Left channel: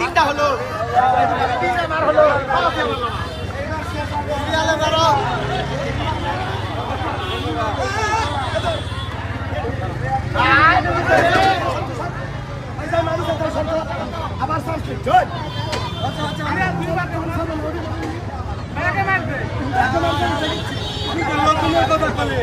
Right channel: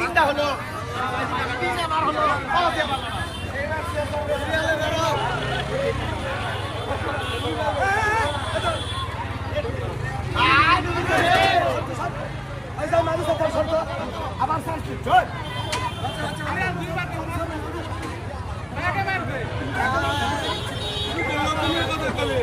তিনটা হলো আবার সংস্কৃত আচ্ছা আচ্ছা আরে দুই বার মারবে কথা বলে